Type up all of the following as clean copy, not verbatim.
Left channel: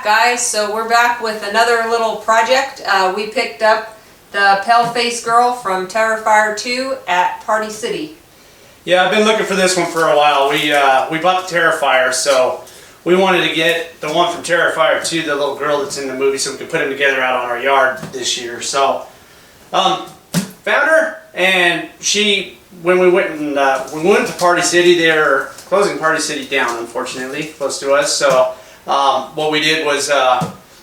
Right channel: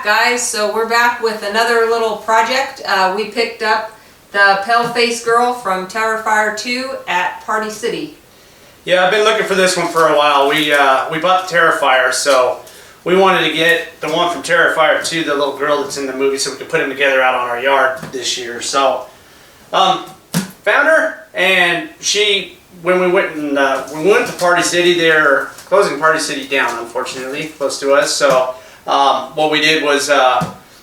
back, guys. So we're back with another little project. We picked up the Pale Face Girl from Terrifier 2 at Party City. Yeah, I've been looking for this one for a while. We bought the Terrifier, so we wanted to get the one from Terrifier 2, the little girl that's in the movie, so we could put them together out on our yard this year. So, found her, and when we went to Party City, they're closing Party City down, unfortunately, close to us. So, what we did was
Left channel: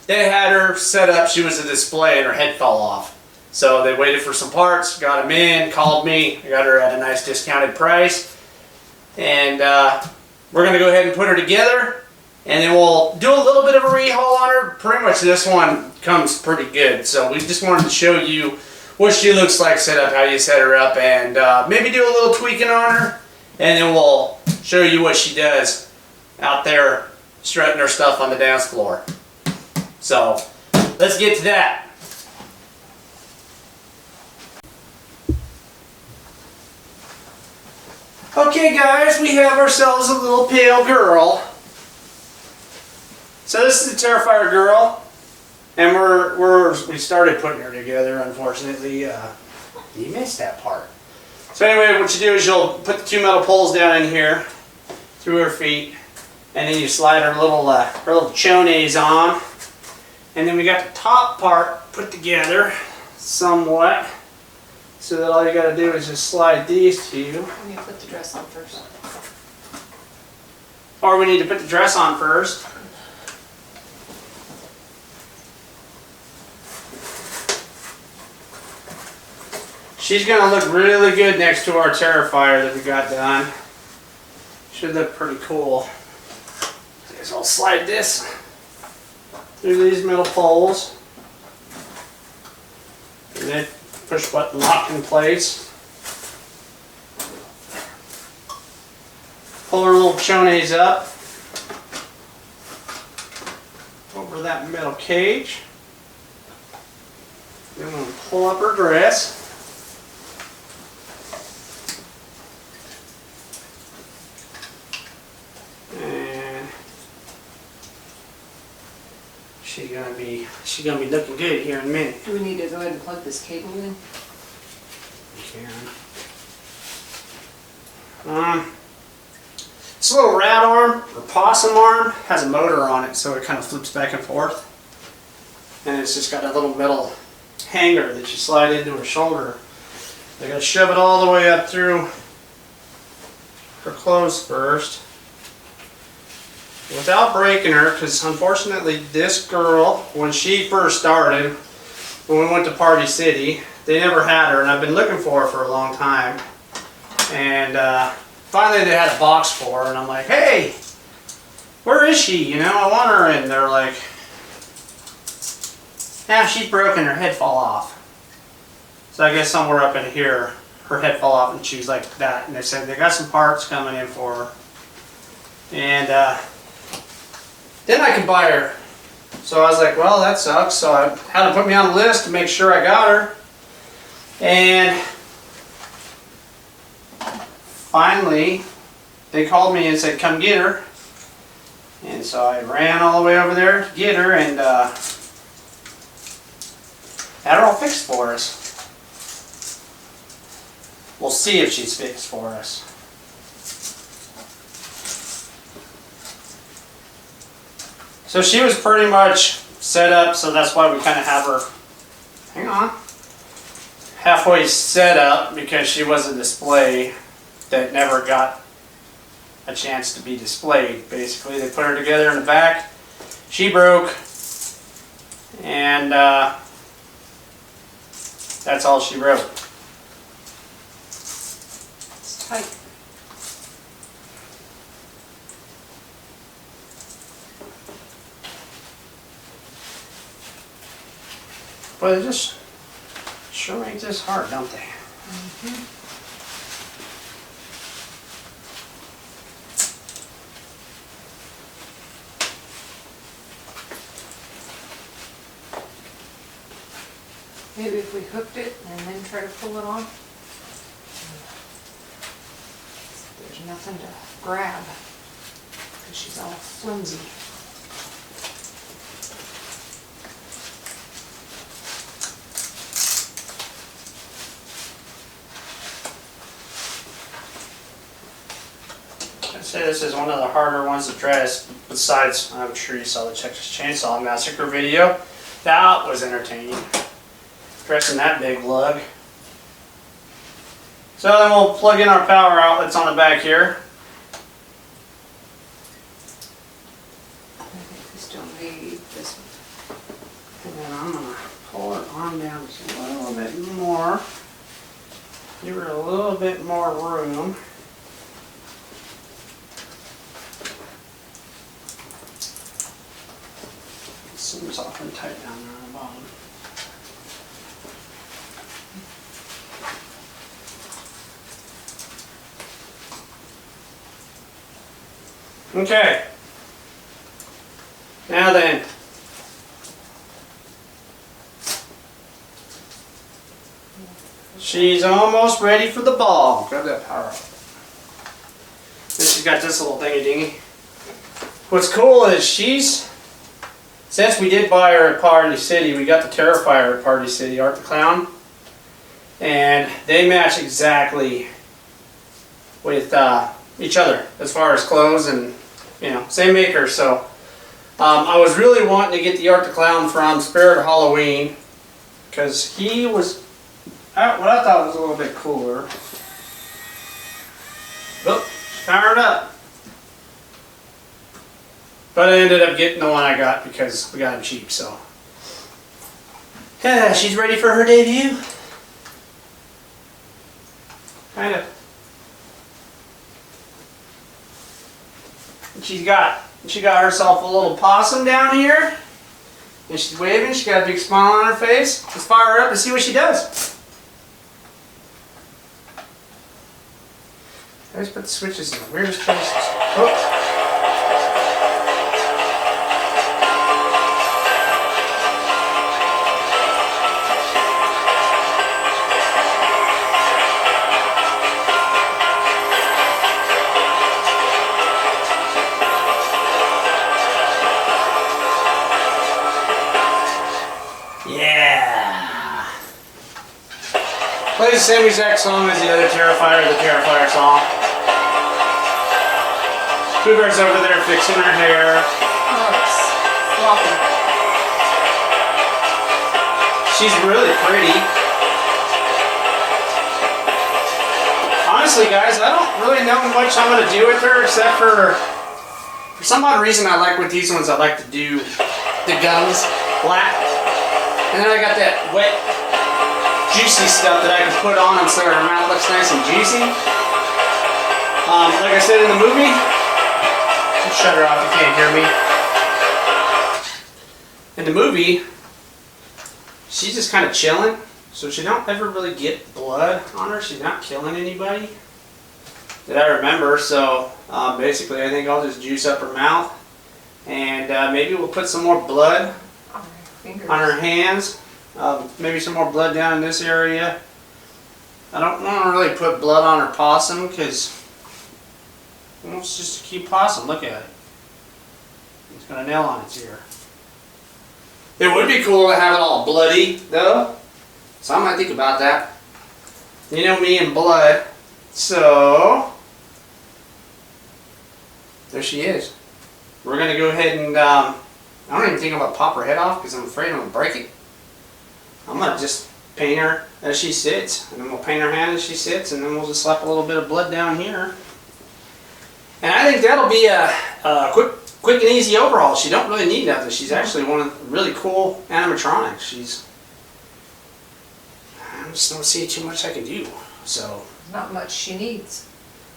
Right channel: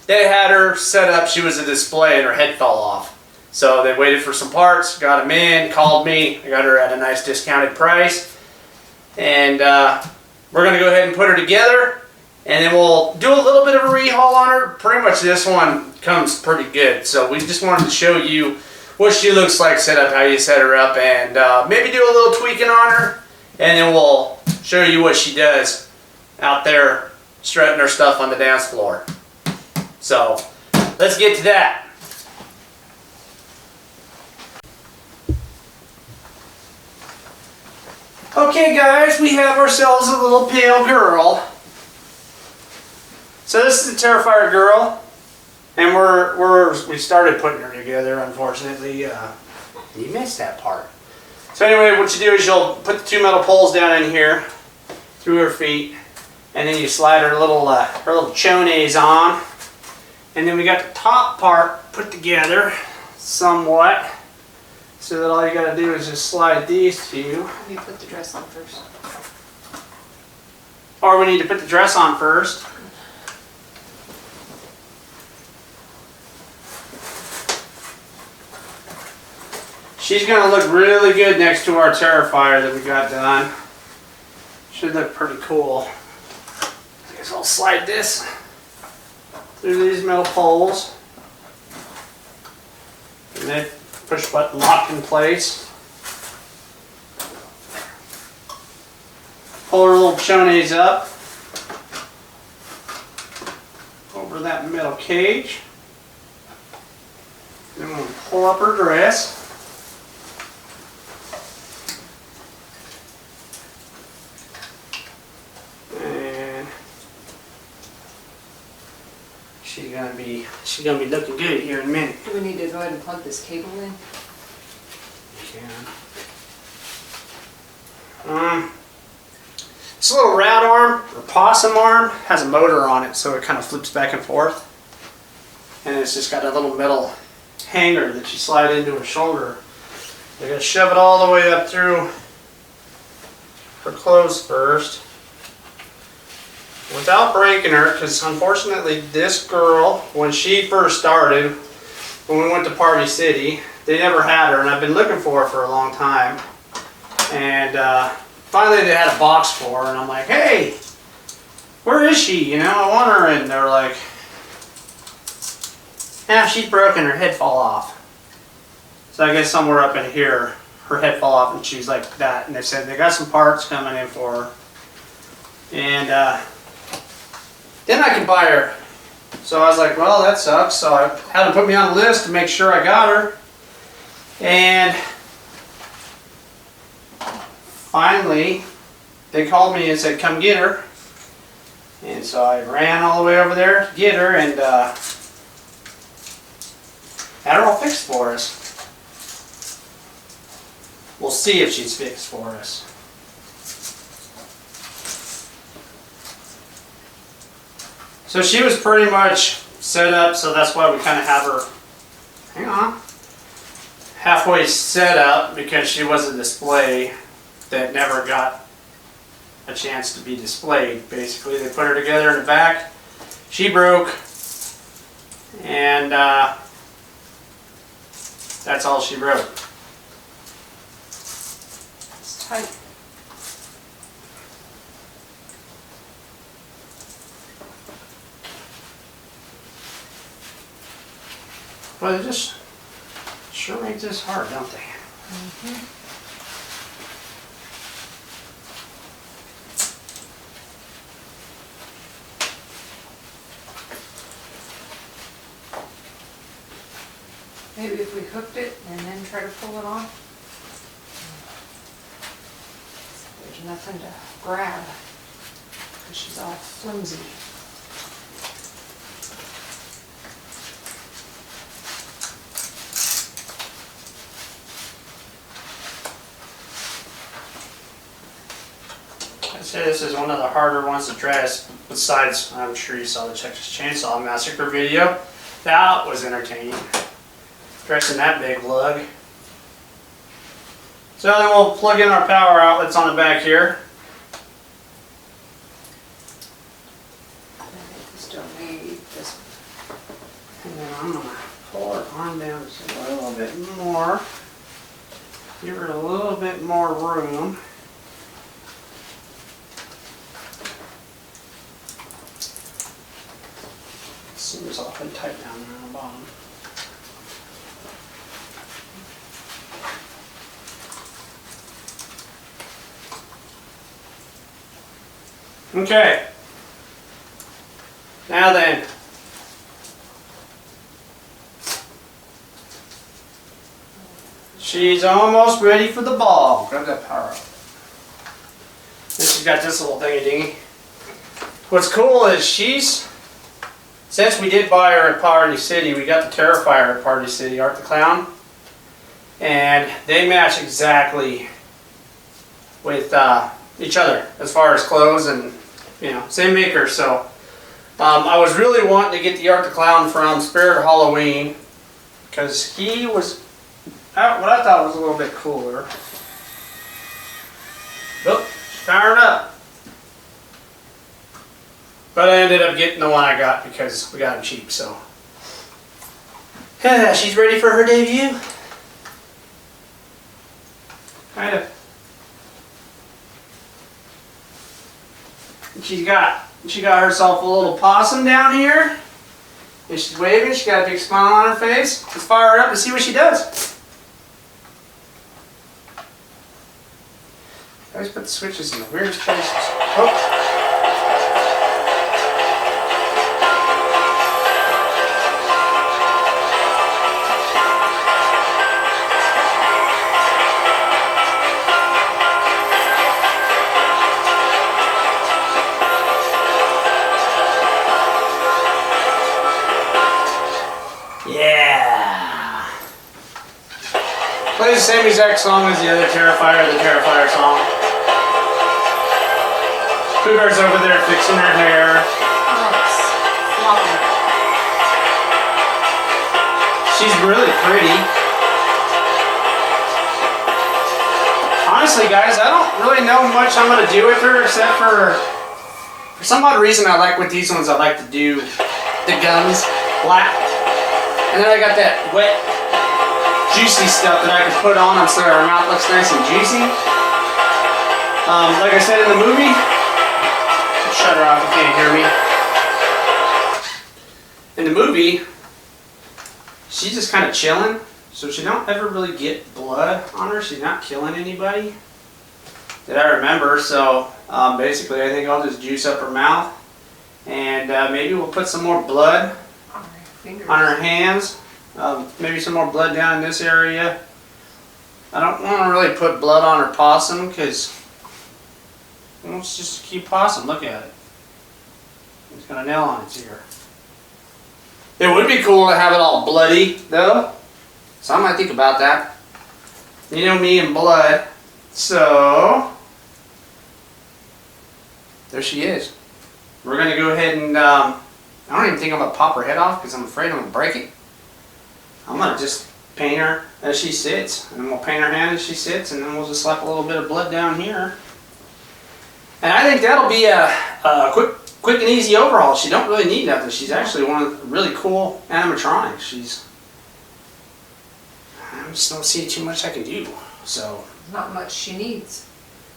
they had her set up. She was a display, and her head fell off. So they waited for some parts, got them in, called me. I got her at a nice discounted price. And we're going to go ahead and put her together. And then we'll do a little bit of a rehaul on her. Pretty much this one comes pretty good. So we just wanted to show you what she looks like set up, how you set her up. And maybe do a little tweaking on her. And then we'll show you what she does out there strutting her stuff on the dance floor. So let's get to that. Okay guys, we have ourselves a little pale girl. So this is the Terrifier girl, and we started putting her together. Unfortunately, you missed that part. So anyway, what you do is you'll put the two metal poles down in here through her feet, and then you slide her little chones on, and then we got the top part put together somewhat. So that all you got to do is just slide these two. You put the dress on first. Or we need to put the dress on first. She's going to look really good next to our Terrifier that we got done. Should look pretty cool. I guess I'll slide this through these metal poles. And then push button locked in place. Pull her little chones up over that metal cage. Then we'll pull up her dress. And she's gonna be looking good here in a minute. Do we need to go ahead and plug this cable in? This little rat arm, or possum arm, has a motor on it, so it kind of flips back and forth. And it's just got a little metal hanger that you slide into her shoulder. You're going to shove it all the way up through her clothes first, without breaking her, because unfortunately this girl, when she first started, when we went to Party City, they never had her, and I've been looking for her for a long time. And finally they had a box for her, and I'm like, hey, where is she? You know, I want her. And they're like, yeah, she's broken, her head fell off. So I guess somewhere up in here, her head fell off, and she was like that. And they said they got some parts coming in for her. And then I could buy her. So I was like, well, that sucks. So I had to put me on the list to make sure I got her. And finally, they called me and said, come get her. And so I ran all the way over there to get her, and had her all fixed for us. We'll see if she's fixed for us. So she was pretty much set up, so that's why we kind of have her, hang on, halfway set up, because she was a display that never got a chance to be displayed. Basically, they put her together in the back, she broke, and that's all she wrote. It's tight. But it just sure makes this hard, don't they? Mm-hmm. Maybe if we hooked it and then try to pull it on. There's nothing to grab because she's all flimsy. I'd say this is one of the harder ones to dress. Besides, I'm sure you saw the Texas Chainsaw Massacre video. That was entertaining. Dressing that big lug. So then we'll plug in our power outlets on the back here. I think we still need this one. And then I'm going to pull her arm down just a little bit more. Give her a little bit more room. Seems awfully tight down there on the bottom. Okay. Now then. She's almost ready for the ball. Grab that power up. Then she's got this little thingy dingy. What's cool is since we did buy her at Party City, we got the Terrifier at Party City, Art the Clown. And they match exactly with each other as far as clothes and, same maker. So I was really wanting to get the Art the Clown from Spirit Halloween because he was what I thought was a little bit cooler. Oh, firing up. But I ended up getting the one I got because we got him cheap, so. Yeah, she's ready for her debut. Kind of. She got herself a little possum down here. And she's waving, she's got a big smile on her face. Let's fire her up and see what she does. I always put the switches in the weirdest places. Oh. Yeah! Plays the same exact song as the other Terrifier, the Terrifier song. Cougar's over there fixing her hair. Floppy. She's really pretty. Honestly, guys, I don't really know much I'm going to do with her except for some odd reason I like with these ones, I like to do the gums black. And then I got that wet, juicy stuff that I can put on them so her mouth looks nice and juicy. Like I said in the movie, shut her off, you can't hear me. In the movie, she's just kind of chilling, so she don't ever really get blood on her. She's not killing anybody that I remember. So basically, I think I'll just juice up her mouth, and maybe we'll put some more blood on her hands. Maybe some more blood down in this area. I don't want to really put blood on her possum because it's just a cute possum. Look at it. It's got a nail on its ear. It would be cool to have it all bloody, though. So I might think about that. You know me and blood. So there she is. We're going to go ahead and I don't even think I'm going to pop her head off because I'm afraid I'm going to break it. I'm going to just paint her as she sits. And then we'll paint her hand as she sits. And then we'll just slap a little bit of blood down here. And I think that'll be a quick and easy overhaul. She don't really need nothing. She's actually one of the really cool animatronics. I just don't see too much I can do. So Not much she needs.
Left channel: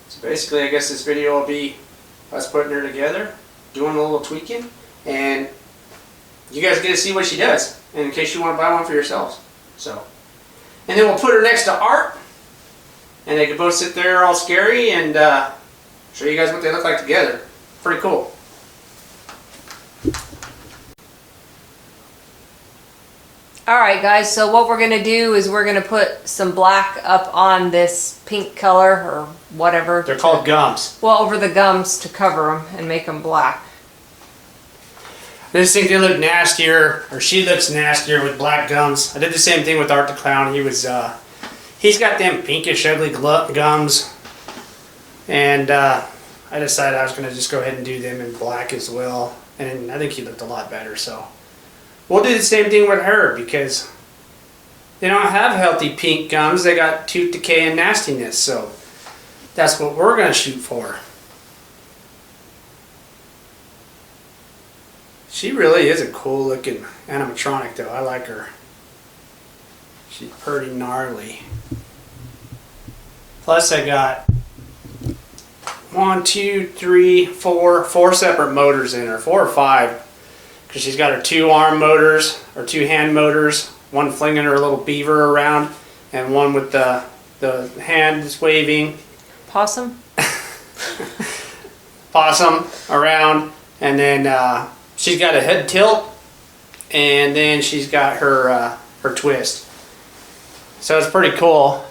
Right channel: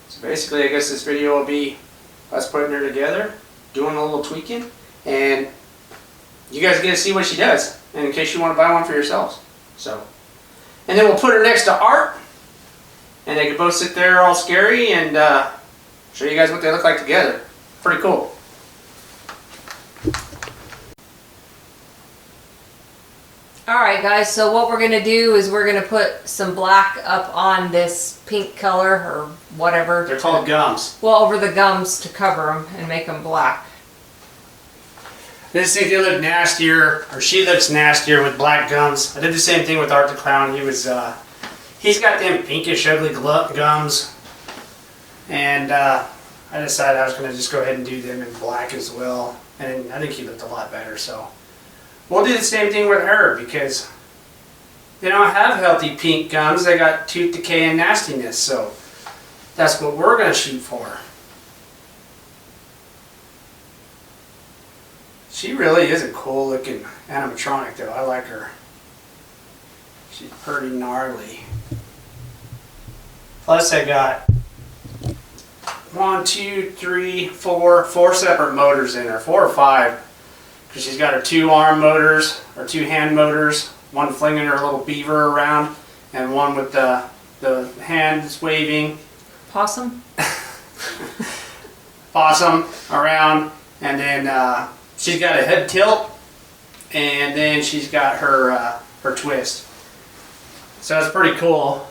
So basically, I guess this video will be us putting her together, doing a little tweaking, and you guys get to see what she does, and in case you want to buy one for yourselves. So, and then we'll put her next to Art, and they can both sit there all scary and show you guys what they look like together. Pretty cool. Alright guys, so what we're going to do is we're going to put some black up on this pink color or whatever. They're called gums. Well, over the gums to cover them and make them black. I just think they look nastier, or she looks nastier with black gums. I did the same thing with Art the Clown. He's got them pinkish ugly gums. And I I decided I was going to just go ahead and do them in black as well. And I think he looked a lot better, so. We'll do the same thing with her because they don't have healthy pink gums. They got tooth decay and nastiness, so that's what we're going to shoot for. She really is a cool looking animatronic though. I like her. She's pretty gnarly. Plus I got 4 separate motors in her. 4 or 5. Because she's got her 2 arm motors, or 2 hand motors. One flinging her little beaver around, and one with the hands waving. Possum? Possum around, and then she's got a head tilt, and then she's got her twist. So it's pretty cool.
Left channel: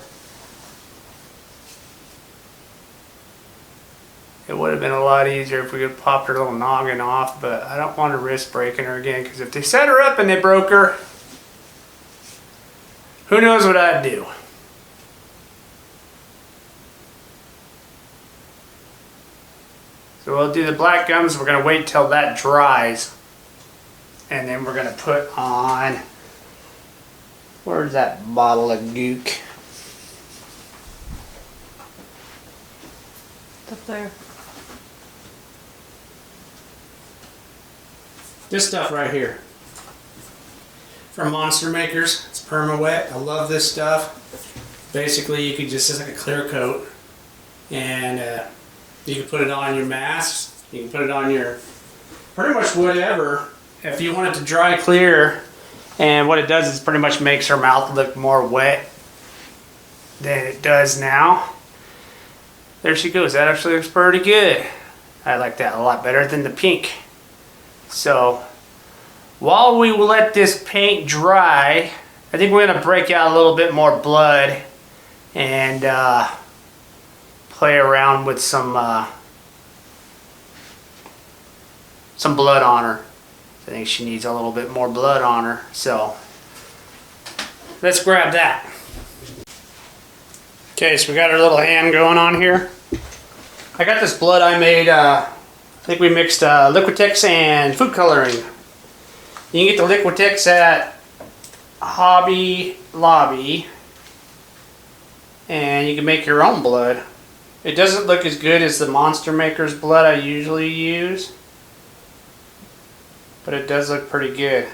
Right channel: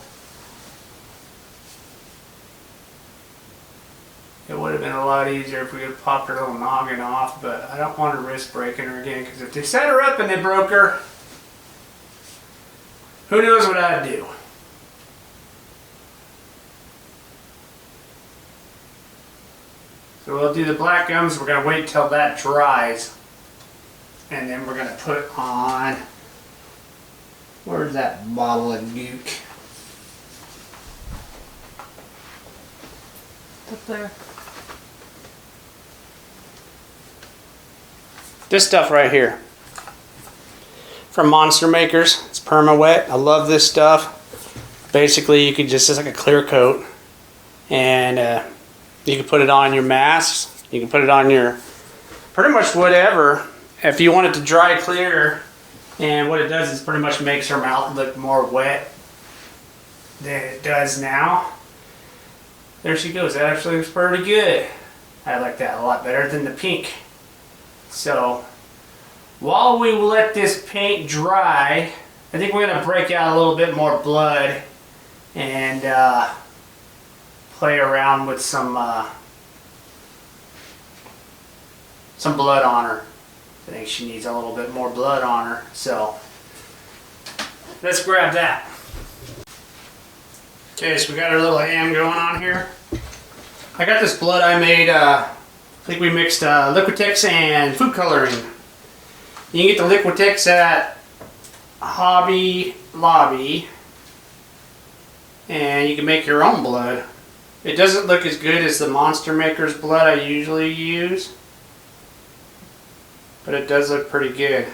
It would have been a lot easier if we could have popped her little noggin off, but I don't want to risk breaking her again, because if they set her up and they broke her, who knows what I'd do. So we'll do the black gums. We're going to wait till that dries, and then we're going to put on, where's that bottle of gook? Up there. This stuff right here from Monster Makers. It's perma wet. I love this stuff. Basically, you can just, it's like a clear coat, and you can put it on your masks. You can put it on your pretty much whatever. If you want it to dry clear, and what it does is pretty much makes her mouth look more wet than it does now. There she goes. That actually looks pretty good. I like that a lot better than the pink. So, while we let this paint dry, I think we're going to break out a little bit more blood and play around with some blood on her. I think she needs a little bit more blood on her, so let's grab that. Okay, so we got our little hand going on here. I got this blood I made, I think we mixed Liquitex and food coloring. You can get the Liquitex at Hobby Lobby, and you can make your own blood. It doesn't look as good as the Monster Maker's blood I usually use, but it does look pretty good.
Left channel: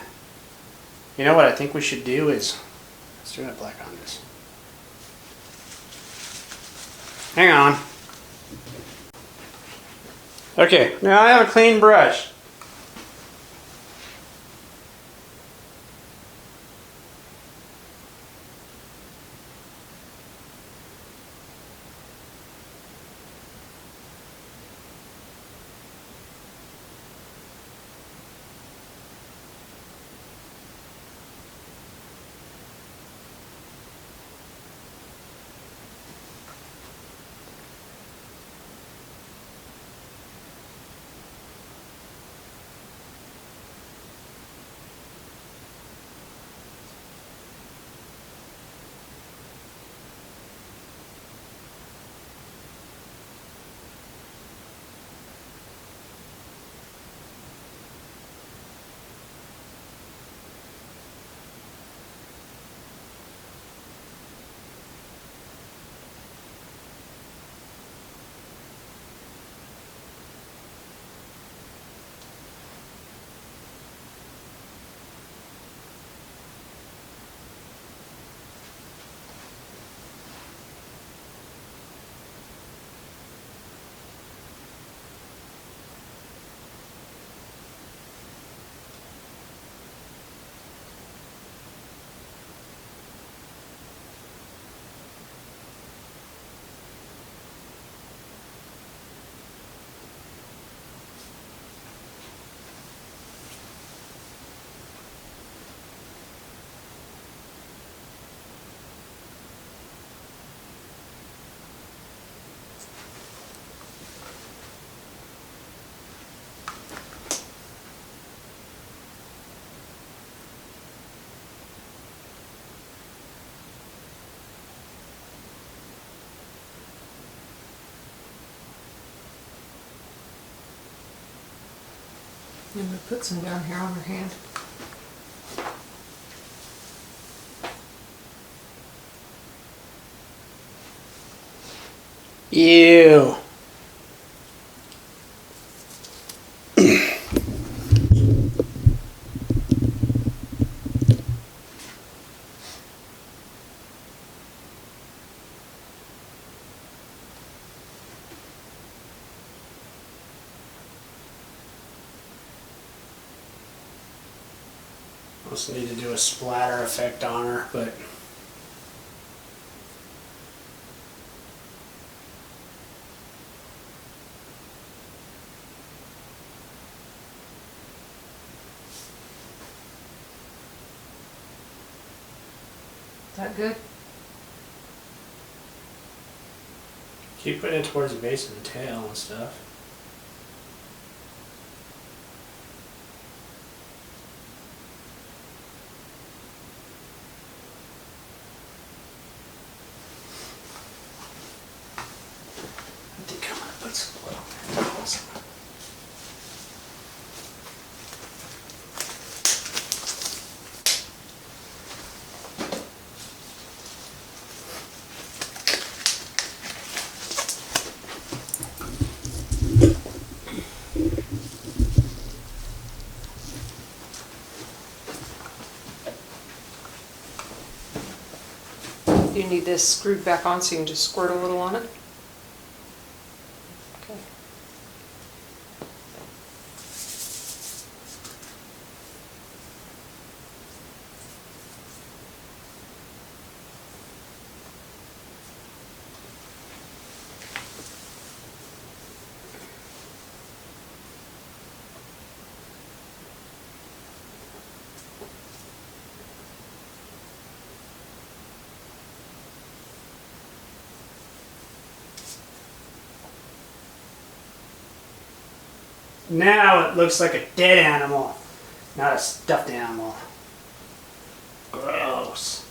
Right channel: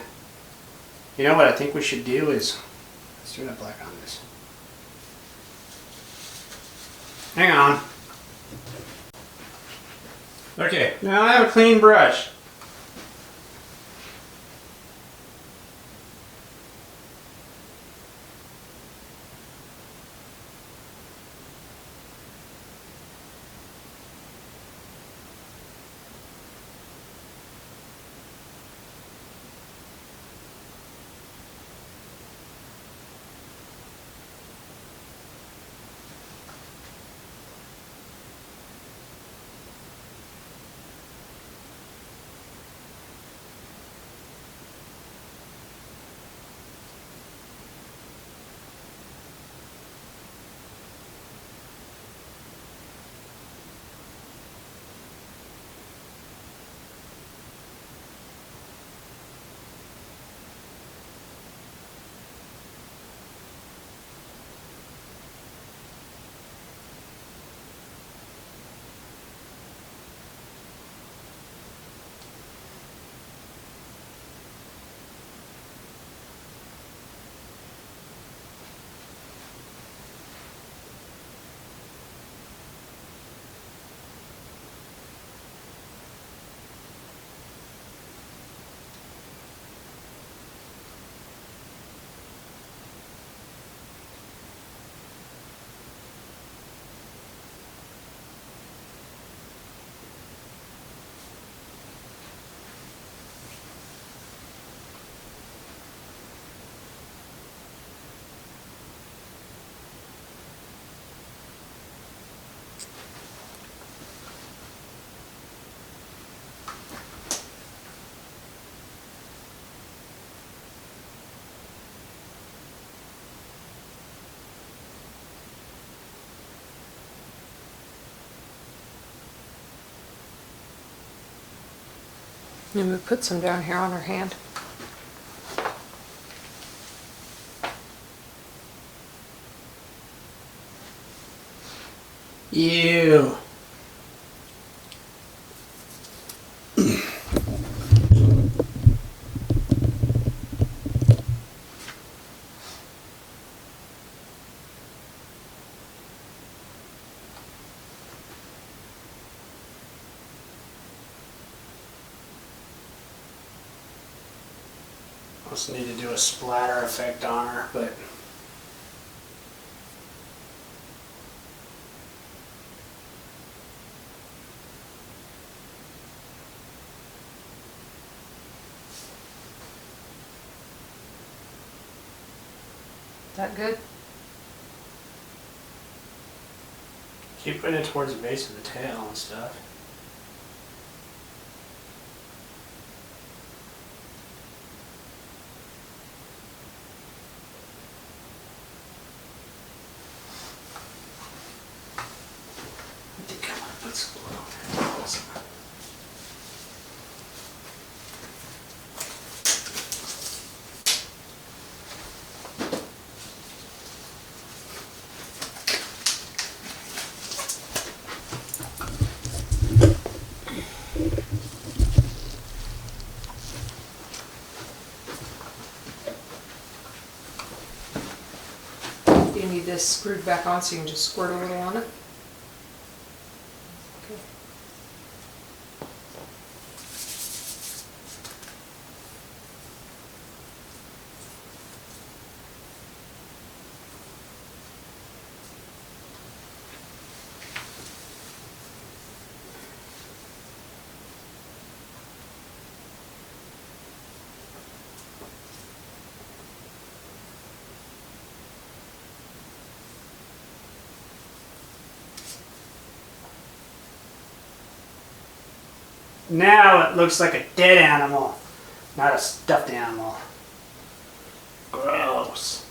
You know what I think we should do is, let's do that black on this. Hang on. Okay, now I have a clean brush. And we put some down here on her hand. Ew. Also need to do a splatter effect on her, but Is that good? keep putting it towards the base of the tail and stuff. I think I'm gonna put some glue on there. Do you need this screwed back on so you can just squirt a little on it? Okay. Now it looks like a dead animal, not a stuffed animal. Gross.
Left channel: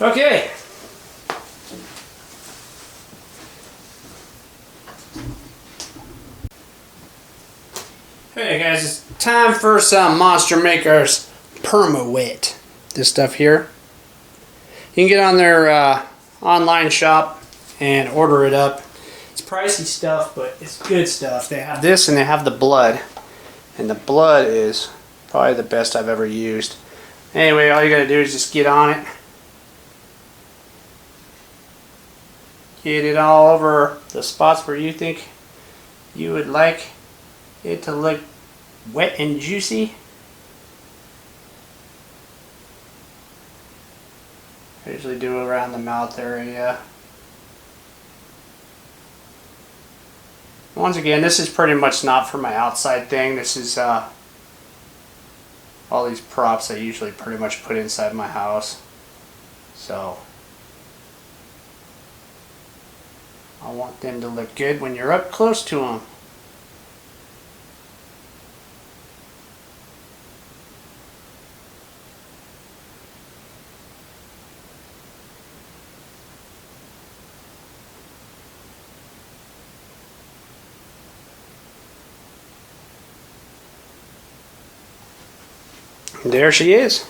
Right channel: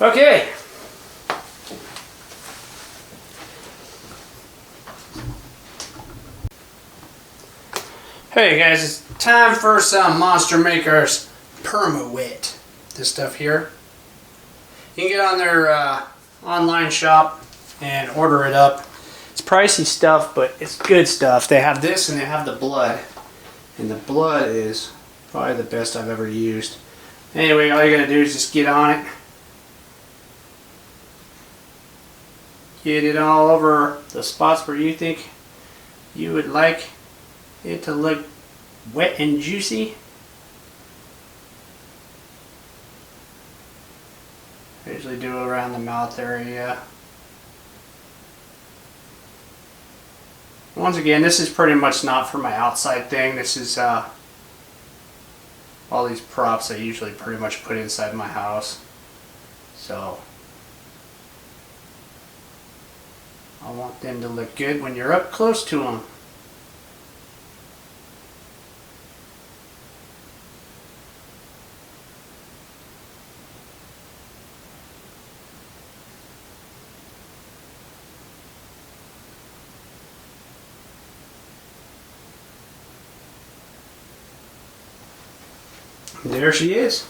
Okay. Hey guys, it's time for some Monster Maker's Perma-Wet. This stuff here. You can get on their online shop and order it up. It's pricey stuff, but it's good stuff. They have this and they have the blood. And the blood is probably the best I've ever used. Anyway, all you gotta do is just get on it. Get it all over the spots where you think you would like it to look wet and juicy. I usually do it around the mouth area. Once again, this is pretty much not for my outside thing. This is all these props I usually pretty much put inside my house. So I want them to look good when you're up close to them. There she is.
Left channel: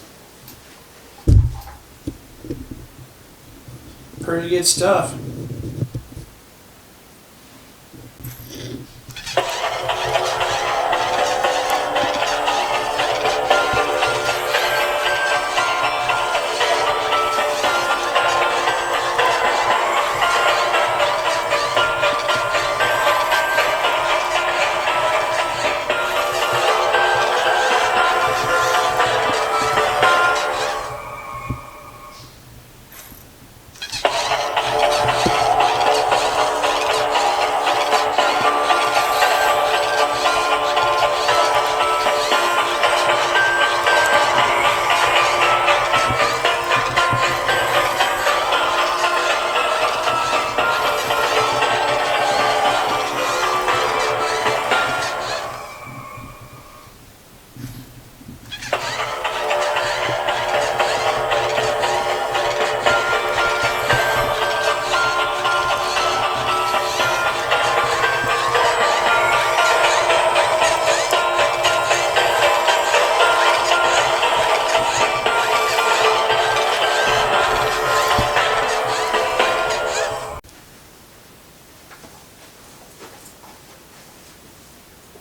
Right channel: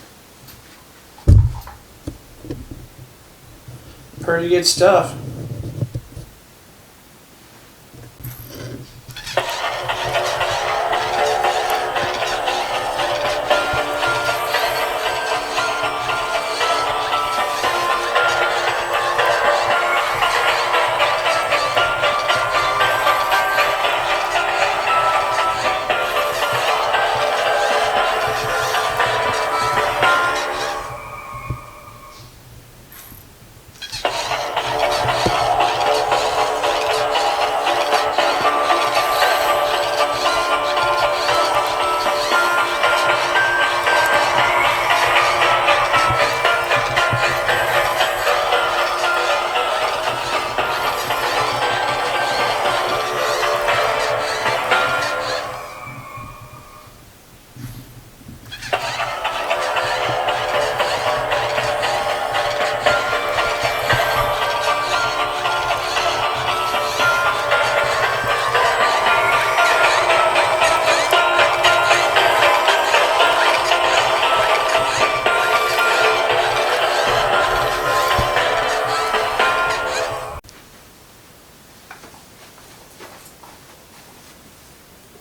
Pretty good stuff.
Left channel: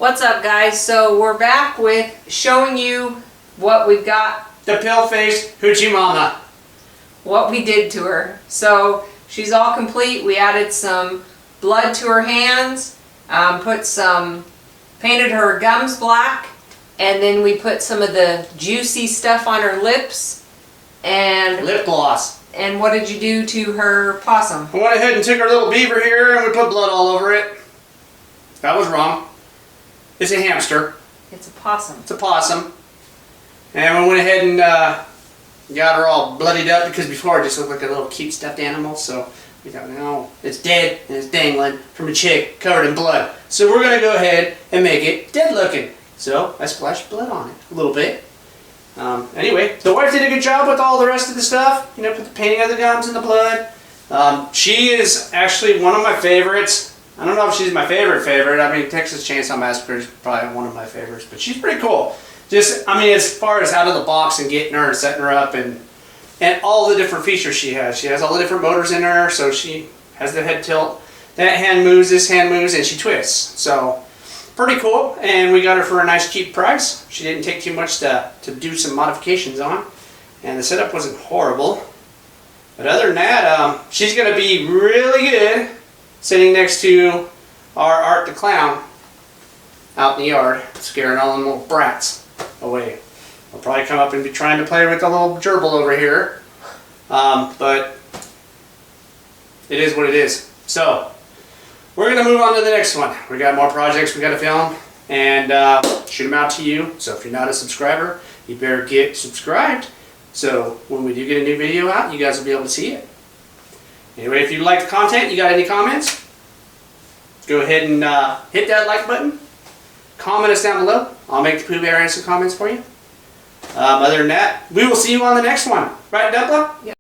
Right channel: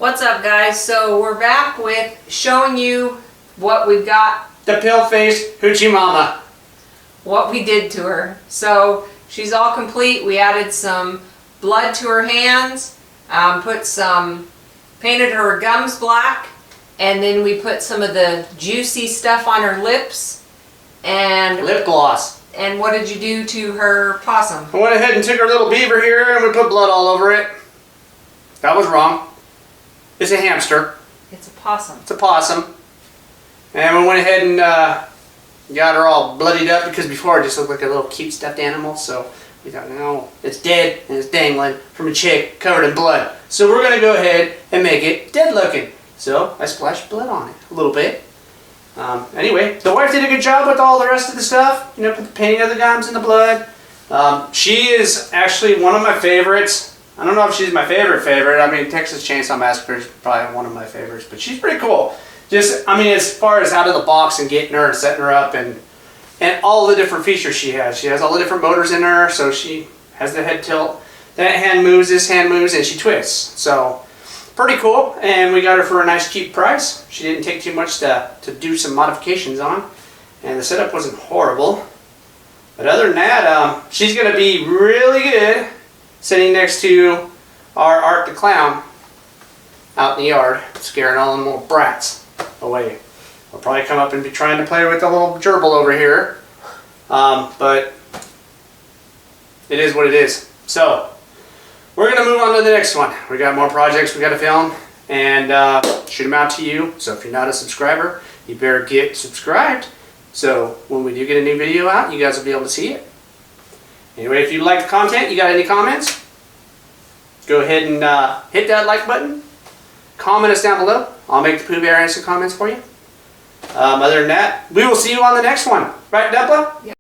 What's up, guys? So we're back with showing you what we've got, The pale-faced Hoochie Mama. what we did to her. So she's all complete. We added some blood to her hands, painted her gums black, and then we put some of the juicy stuff on her lips. And Lip gloss. And what did you do to her possum? I went ahead and took our little beaver here and we put blood all over it. That was wrong. It's a hamster. It's a possum. It's a possum. And we went ahead and got her all bloodied up because before it just looked like a little cute stuffed animal. So we thought, no, it's dead and it's dangling from a chick covered in blood. So we're going to go ahead and make it dead looking. So I splashed blood on it a little bit. Anyway, the wife did a good job with all the rest of the stuff. You know, put the painting of the gums and the blood. She is actually one of my favorites. I don't know if she's my favorite. I mean, Texas Chainsaw Massacre is probably one of my favorites, but she's pretty cool. Just, I mean, as far as out of the box and getting her and setting her up and all the different features she has. She has all the different motors in her, so she has the head tilt. That hand moves, this hand moves, and she twists. So, pretty cool, and we got her for a nice cheap price. She didn't take too much to do some modifications on, and the setup wasn't horrible. But other than that, she's going to be really good sitting next to our Art the Clown out in the yard, scaring all them little brats away. I'll probably come up and be trying to play with the little gerbil over here, but it is what it is. So, we're going to move on to the next one. We got more projects we got to film and shoot them out to you. So if you're not a subscriber, you better get subscribed. So when we do get a new video out, you guys will be able to see it. Anyway, if you like the content, you got any comments, go ahead and hit that like button. Comment us down below. I'll make the Pooh Bear answer comments for you. Other than that, we will see you on the next one. Right, Dupla? Yeah.